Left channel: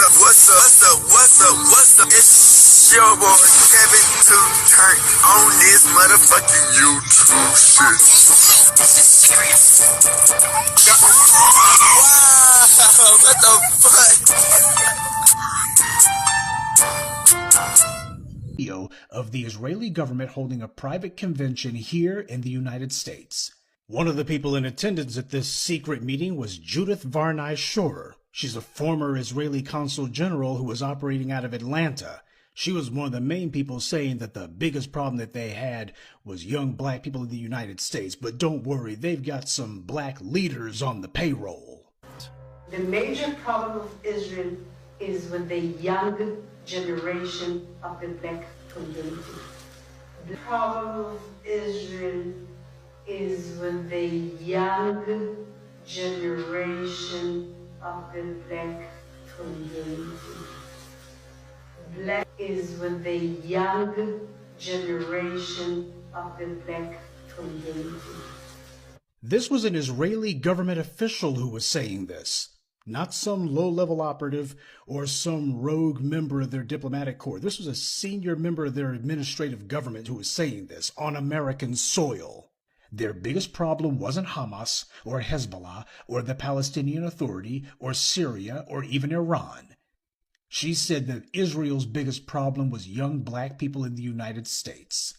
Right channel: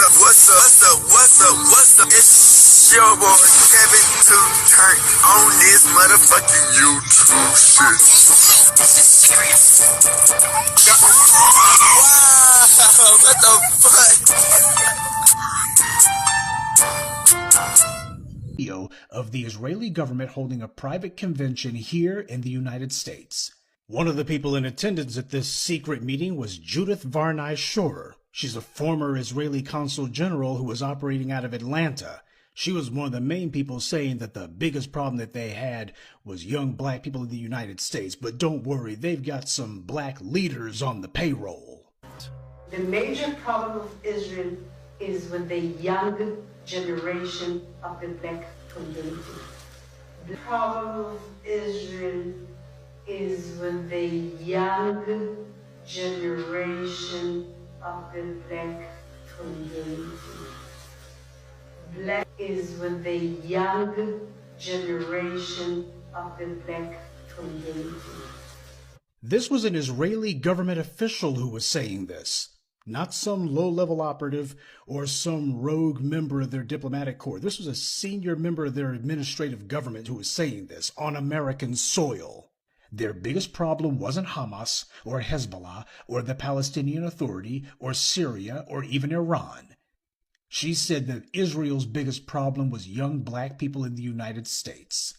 What's up? It's your boy Kevin to turn on this motherfucking YouTube shit. This is serious. Wow, what the fuck? Video of the Israeli government holding a private convention here in the United States. One of the people in attendance at this secret meeting was Judith Varney Shorer. She's a former Israeli consul general who was operating out of Atlanta. She was one of the main people saying that the biggest problem that they had was young black people in the United States. But don't worry, they've got some black leaders on the payroll. The major problem of Israel is with the young generation of the black community. The problem of Israel is with the young generation of the black community. Black is with the young generation of the black community. This was an Israeli government official who was saying this, not some low-level operative or some rogue member of their diplomatic corps. This was a senior member of their administrative government who was saying this on American soil. Their biggest problem wasn't Hamas or Hezbollah or the Palestinian Authority or Syria or even Iran. She said that Israel's biggest problem was young black people in the United States.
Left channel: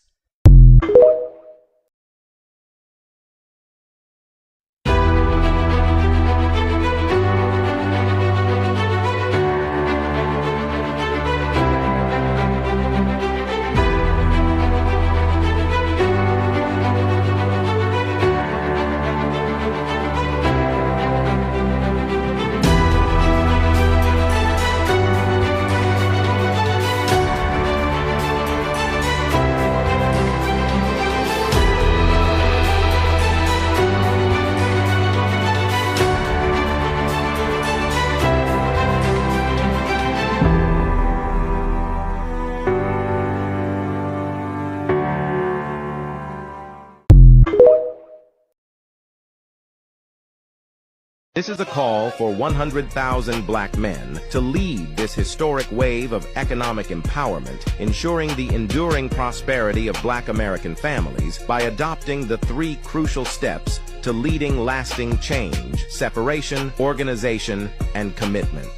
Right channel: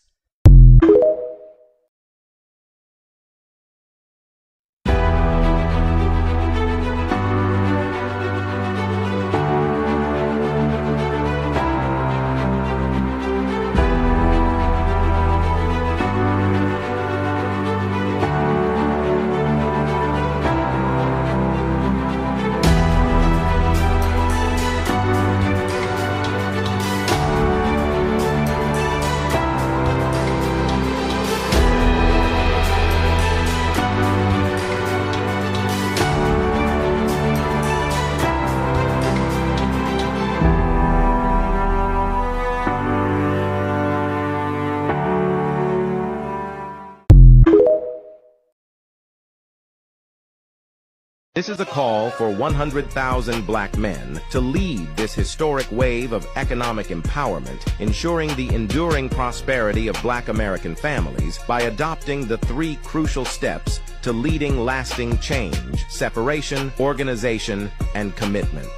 This is a call for 100,000 black men to lead this historic wave of economic empowerment, ensuring the enduring prosperity of black American families by adopting the 3 crucial steps to leading lasting change: separation, organization, and commitment.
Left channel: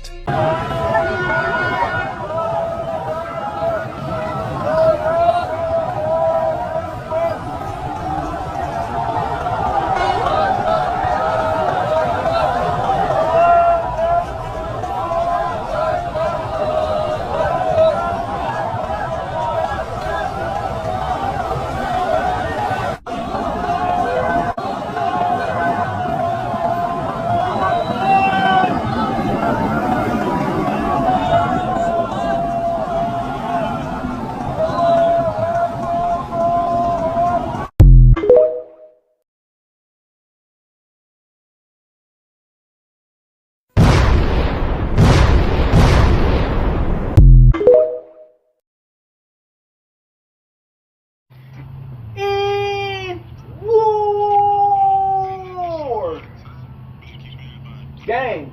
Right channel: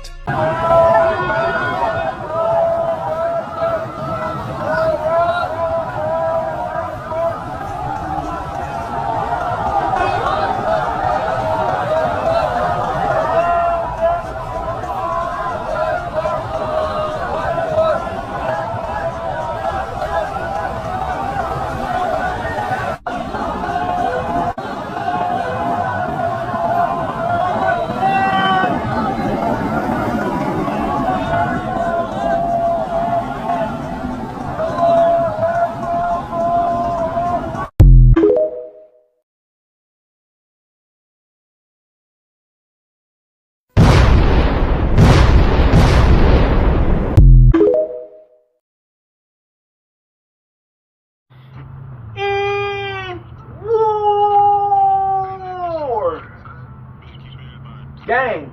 Gang,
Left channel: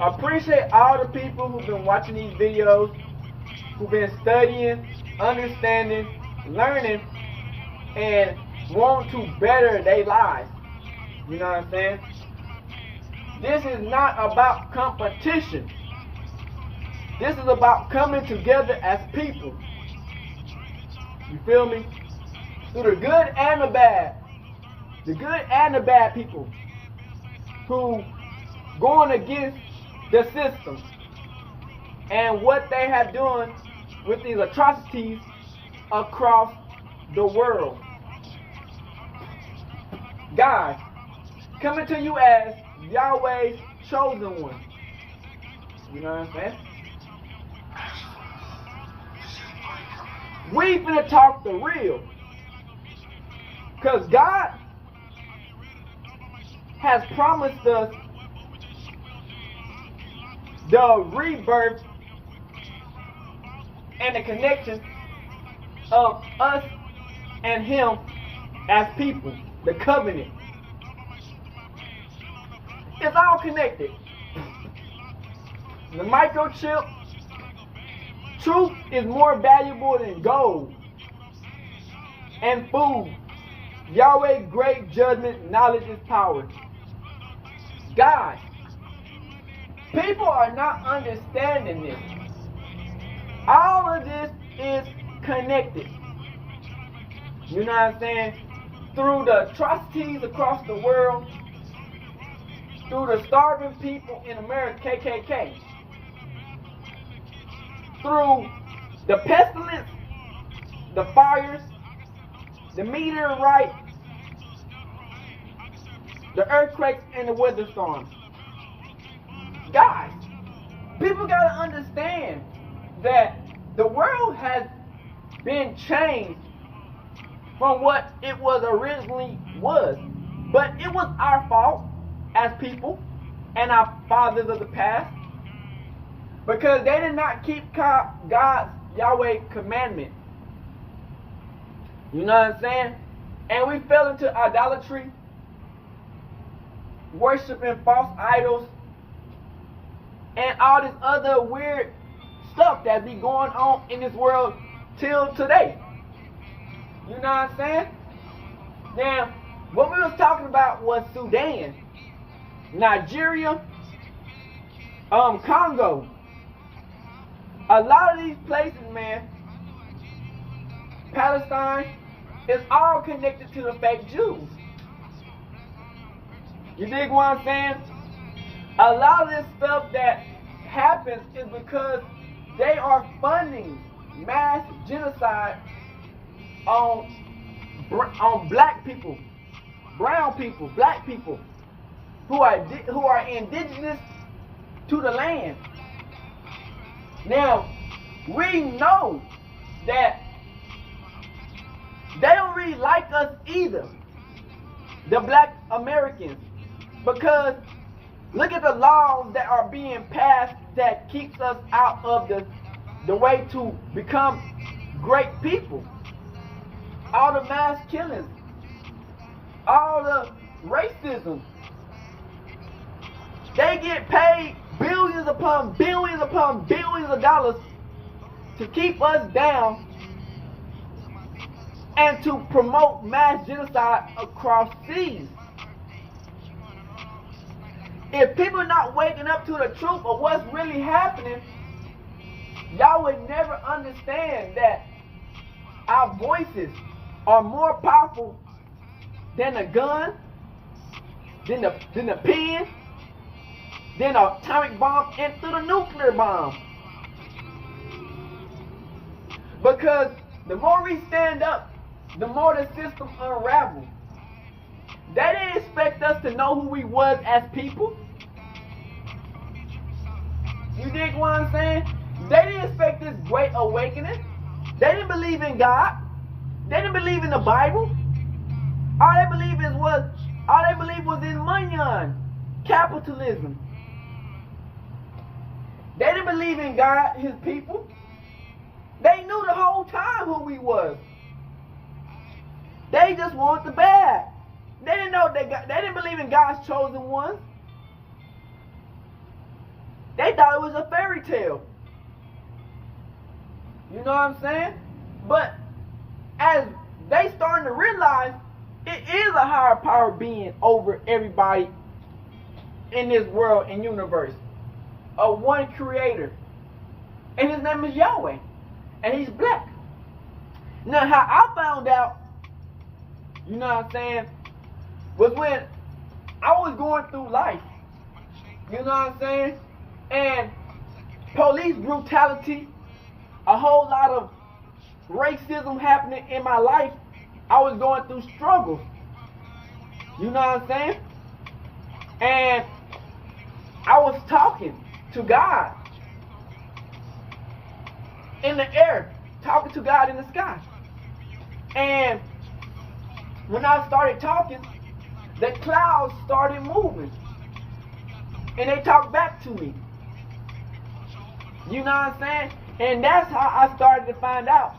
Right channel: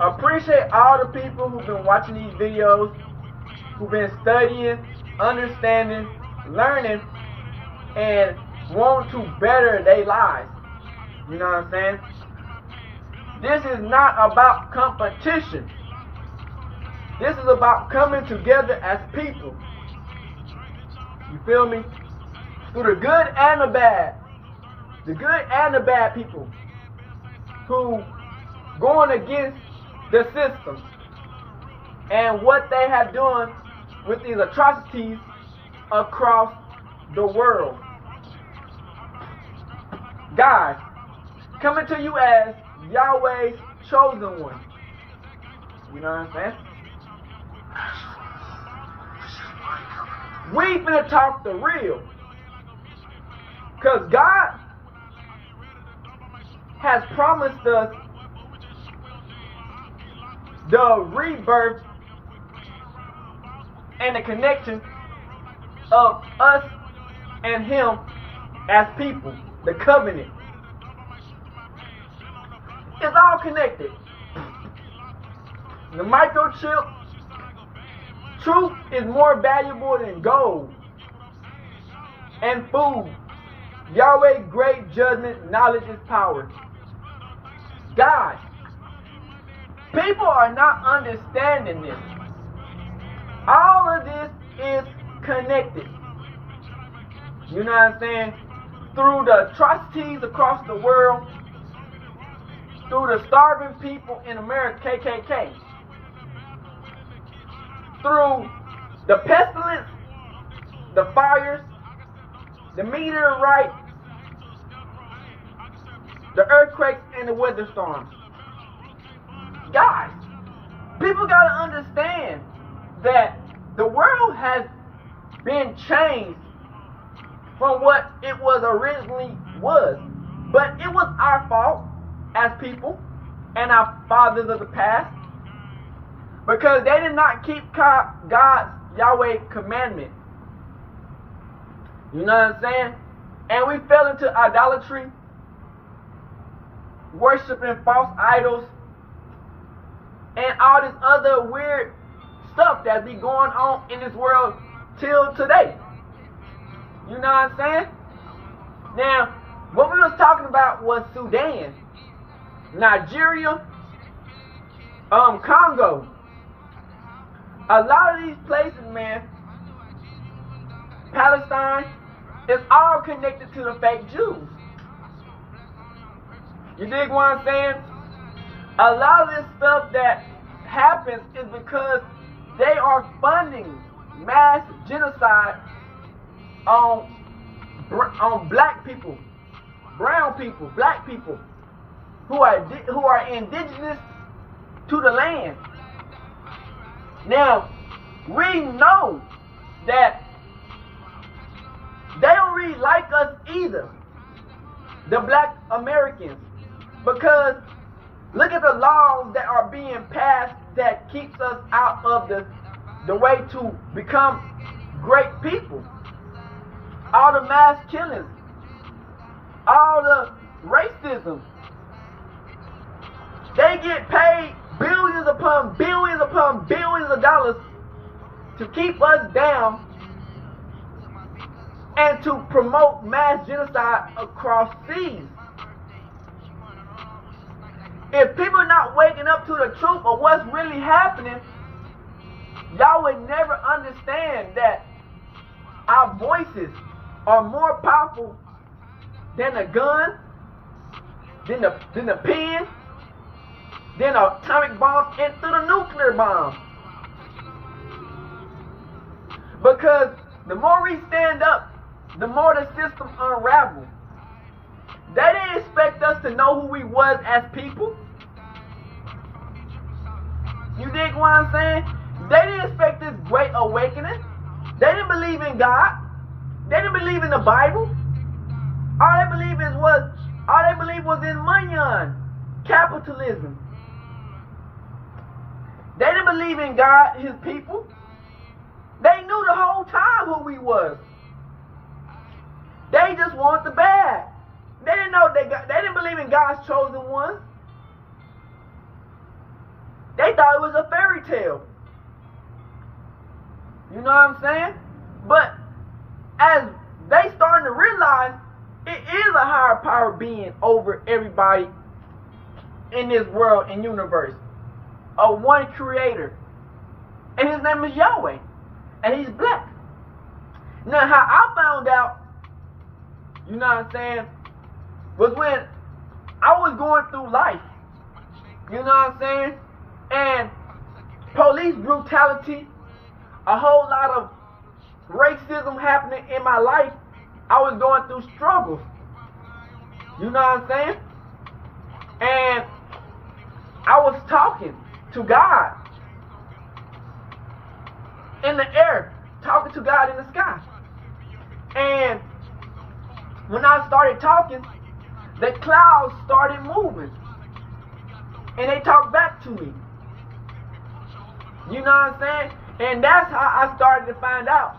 appreciate all the people who've been watching these videos, who've been studying, understanding, learning, and want to better their lives. You know what I'm saying? This is not about competition. This is about coming together as people. You feel me? Through the good and the bad. The good and the bad people who going against the system and what they have done with these atrocities across the world. Guys, coming to you as Yahweh's chosen one. You know what I'm saying? We finna talk the real. Because God has promised us the rebirth and the connection of us and Him as people, the covenant. It's all connected. the microchip. Truth is more valuable than gold and food. Yahweh, great judgment, knowledge is power. Guys, people are not understanding this. All of this is connected. You know what I'm saying? Through the atrocities across the world, through the starving people in America, KKK, through the pestilence, the fires, the meteorite, the earthquakes, and the weather storms. Guys, people gotta understand that the world has been changed from what it was originally was. But it was our fault as people and our fathers of the past, because they did not keep God's Yahweh commandment. You know what I'm saying? And we fell into idolatry, worshiping false idols, and all this other weird stuff that be going on in this world till today. You know what I'm saying? Now, what we was talking about was Sudan, Nigeria, Congo. A lot of these places, man, Palestine, is all connected to the fake Jews. You dig what I'm saying? A lot of this stuff that happens is because they are funding mass genocide on black people, brown people, black people who are indigenous to the land. Now, we know that they don't really like us either, the black Americans, because look at the laws that are being passed that keeps us out of the way to become great people. All the mass killings, all the racism. They get paid billions upon billions upon billions of dollars to keep us down and to promote mass genocide across seas. If people are not waking up to the truth of what's really happening, y'all would never understand that our voices are more powerful than a gun, than the pen, than an atomic bomb, and through the nuclear bomb. Because the more we stand up, the more the system unravels. They didn't expect us to know who we was as people. You dig what I'm saying? They didn't expect this great awakening. They didn't believe in God. They didn't believe in the Bible. All they believed was in money, capitalism. They didn't believe in God, his people. They knew the whole time who we was. They just wanted the bad. They didn't know they didn't believe in God's chosen ones. They thought it was a fairy tale. You know what I'm saying? But as they starting to realize it is a higher power being over everybody in this world and universe. A one creator. And his name is Yahweh. And he's black. Now how I found out, you know what I'm saying, was when I was going through life. You know what I'm saying? And police brutality, a whole lot of racism happening in my life. I was going through struggles. You know what I'm saying? And I was talking to God in the air, talking to God in the sky. And when I started talking, the clouds started moving. And they talked back to me. You know what I'm saying? And that's how I started to find out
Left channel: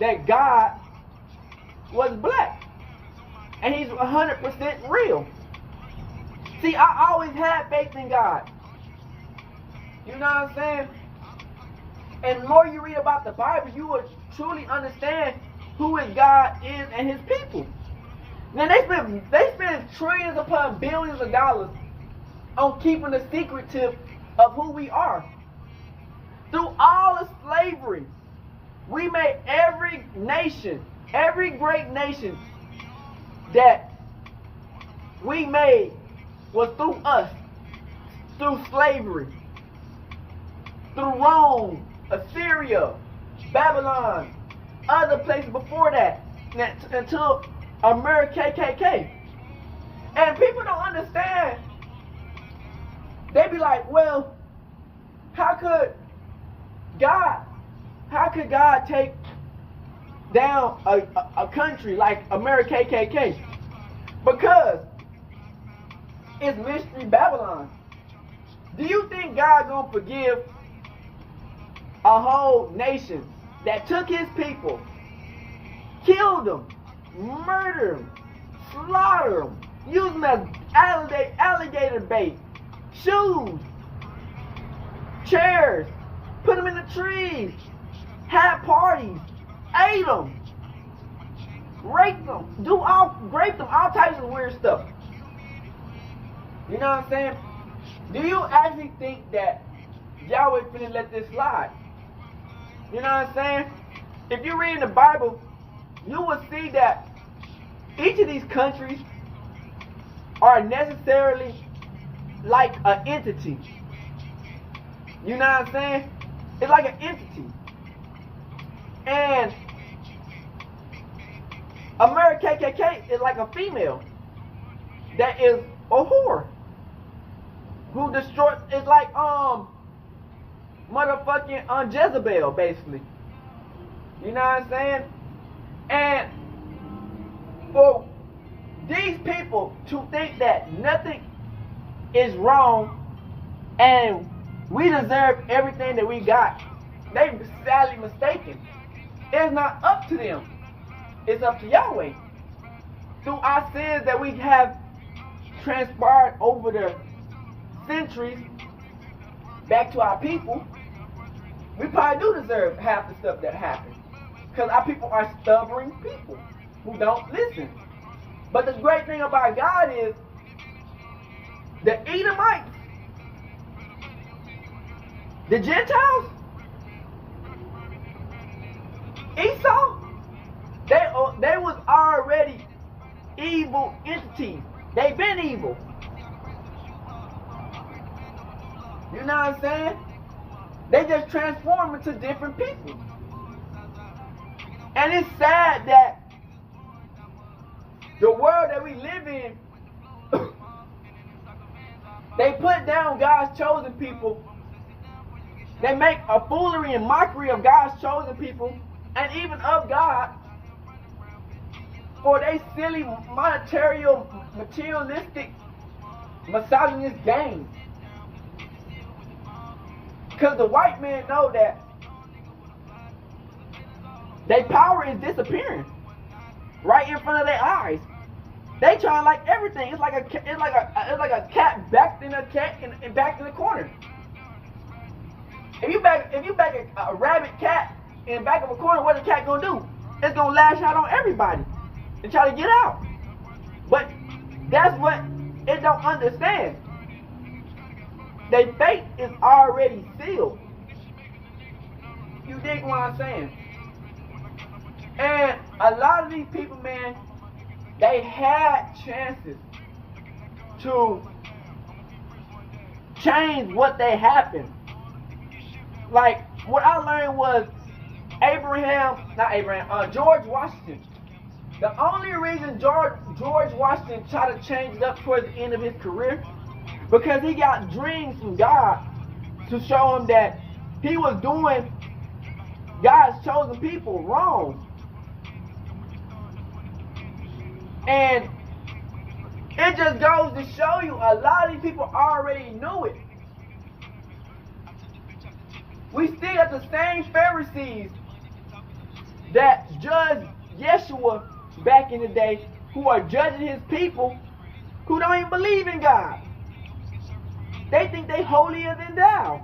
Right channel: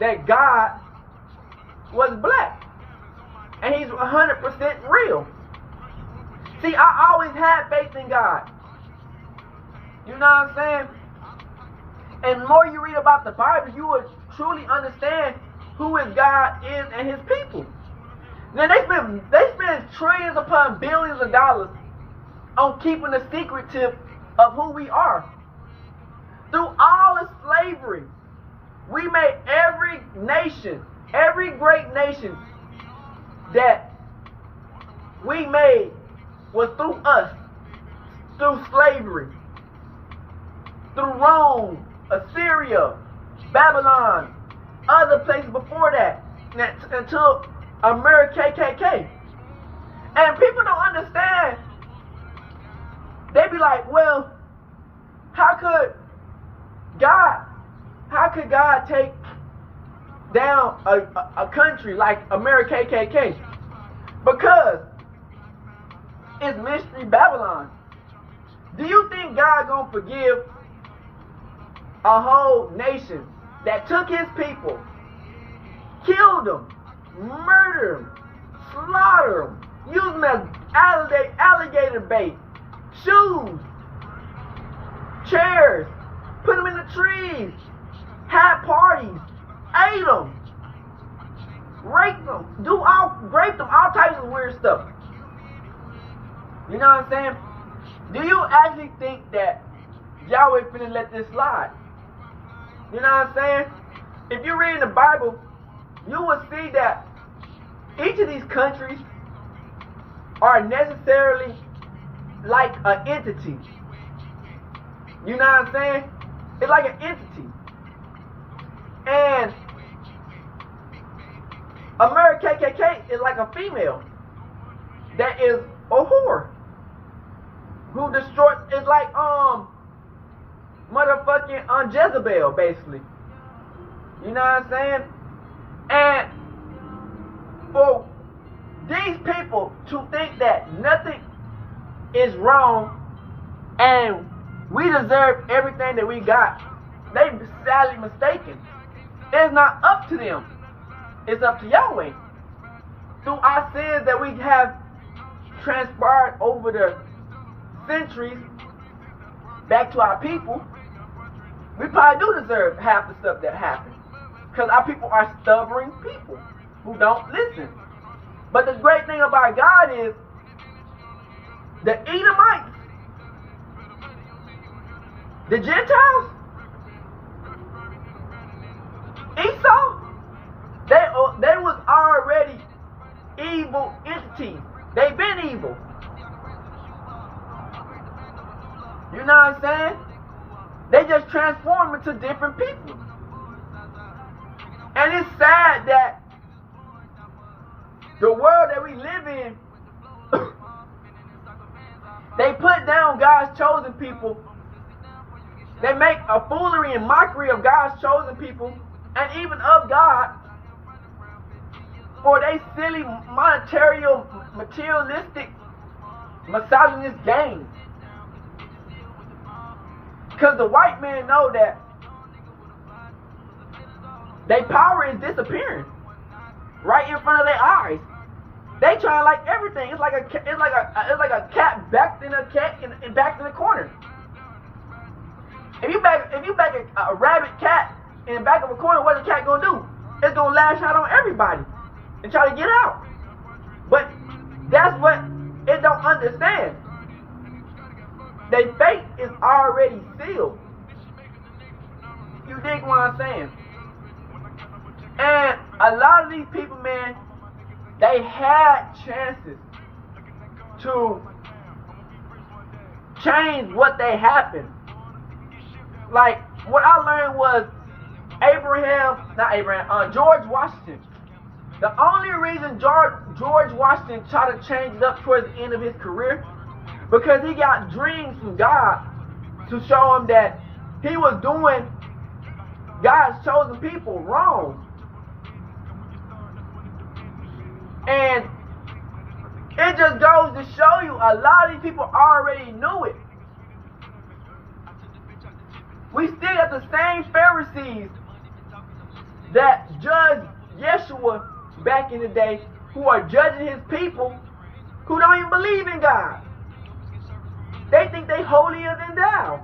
that God was black. And he's 100% real. See, I always had faith in God. You know what I'm saying? And the more you read about the Bible, you will truly understand who his God is and his people. Now they spend trillions upon billions of dollars on keeping the secretive of who we are. Through all of slavery, we made every nation, every great nation that we made was through us, through slavery, through Rome, Assyria, Babylon, other places before that, until America KKK. And people don't understand. They be like, well, how could God take down a country like America KKK? Because it's Mystery Babylon. Do you think God gonna forgive a whole nation that took his people, killed them, murdered them, slaughtered them, used them as alligator bait, shoes, chairs, put them in the trees, had parties, ate them, raped them, raped them, all types of weird stuff. You know what I'm saying? Do you actually think that Yahweh finna let this slide? You know what I'm saying? If you read the Bible, you will see that each of these countries are necessarily like an entity. You know what I'm saying? It's like an entity. And America KKK is like a female that is a whore who destroys. It's like motherfucking Jezebel, basically. You know what I'm saying? And for these people to think that nothing is wrong and we deserve everything that we got, they sadly mistaken. It's not up to them. It's up to Yahweh. Through our sins that we have transpired over the centuries back to our people, we probably do deserve half the stuff that happened. Because our people are stubborn people who don't listen. But the great thing about God is the Edomites, the Gentiles, Esau, they was already evil entities. They've been evil. You know what I'm saying? They just transform into different people. And it's sad that the world that we live in, they put down God's chosen people. They make a foolery and mockery of God's chosen people and even of God for they silly materialistic misogynist games. Because the white men know that their power is disappearing right in front of their eyes. They try like everything. It's like a cat backed in the corner. If you back a rabid cat in the back of a corner, what's the cat gonna do? It's gonna lash out on everybody and try to get out. But that's what it don't understand. Their fate is already sealed. You dig what I'm saying? And a lot of these people, man, they had chances to change what they happened. Like, what I learned was George Washington. The only reason George Washington tried to change it up towards the end of his career, because he got dreams from God to show him that he was doing God's chosen people wrong. And it just goes to show you a lot of these people already knew it. We still have the same Pharisees that judged Yeshua back in the day, who are judging his people who don't even believe in God. They think they holier than thou.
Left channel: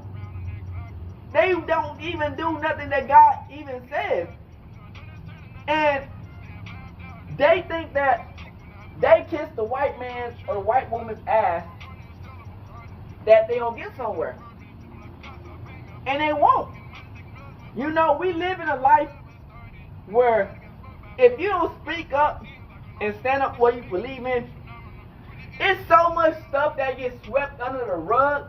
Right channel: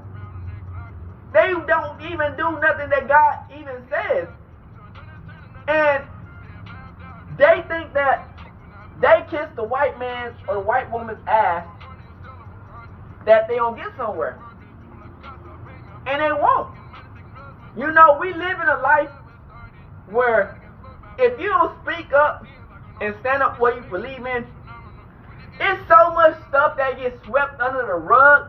They don't even do nothing that God even says. And they think that they kiss the white man's or the white woman's ass, that they don't get somewhere. And they won't. You know, we live in a life where if you don't speak up and stand up for what you believe in, it's so much stuff that gets swept under the rug.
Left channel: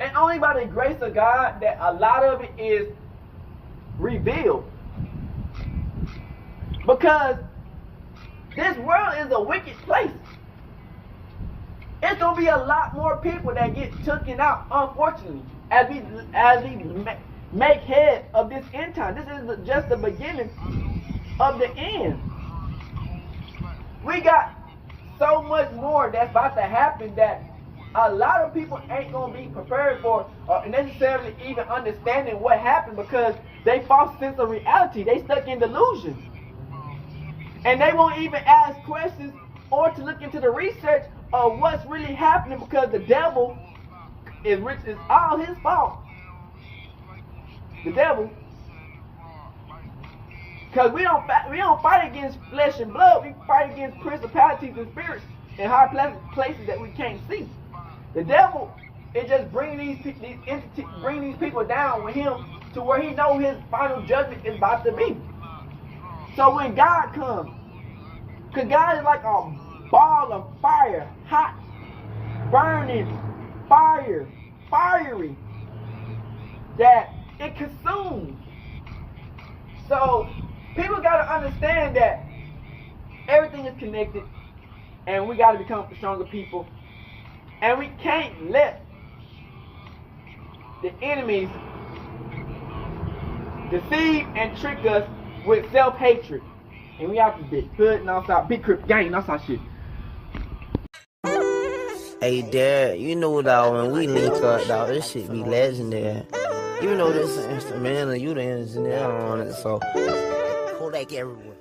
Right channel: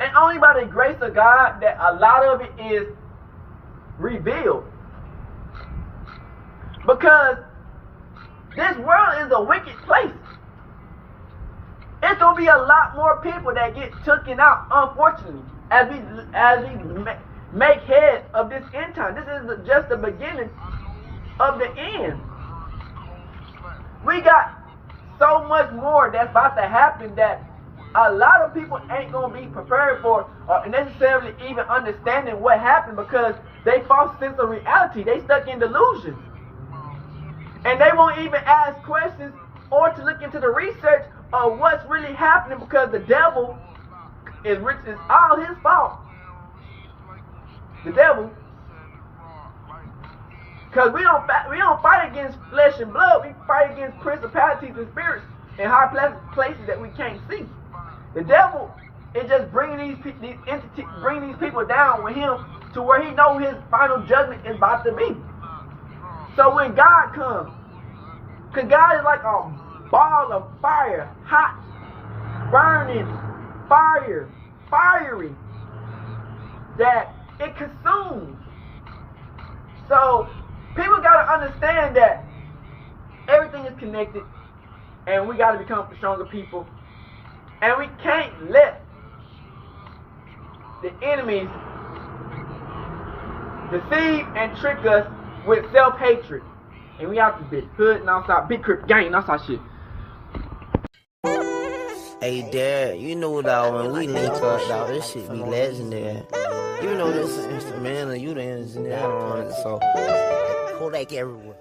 And only by the grace of God that a lot of it is revealed. Because this world is a wicked place. It's going to be a lot more people that get taken out, unfortunately, as we make head of this end time. This is just the beginning of the end. We got so much more that's about to happen that a lot of people ain't going to be prepared for or necessarily even understanding what happened, because they false sense of reality. They stuck in delusion. And they won't even ask questions or to look into the research of what's really happening, because the devil is rich. It's all his fault. The devil. Because we don't fight against flesh and blood. We fight against principalities and spirits in high places that we can't see. The devil is just bringing these people down with him to where he knows his final judgment is about to be. So when God comes, because God is like a ball of fire, hot, burning, fiery, that it consumes. So people got to understand that everything is connected, and we got to become stronger people. And we can't let the enemies deceive and trick us with self-hatred. And we have to be hood and outside, big crip gang and outside shit. Hey, Dad, you know, dog, when we link up, dog, this shit be legendary. You know this instrumental, you the engineer on it, so Kodak everywhere.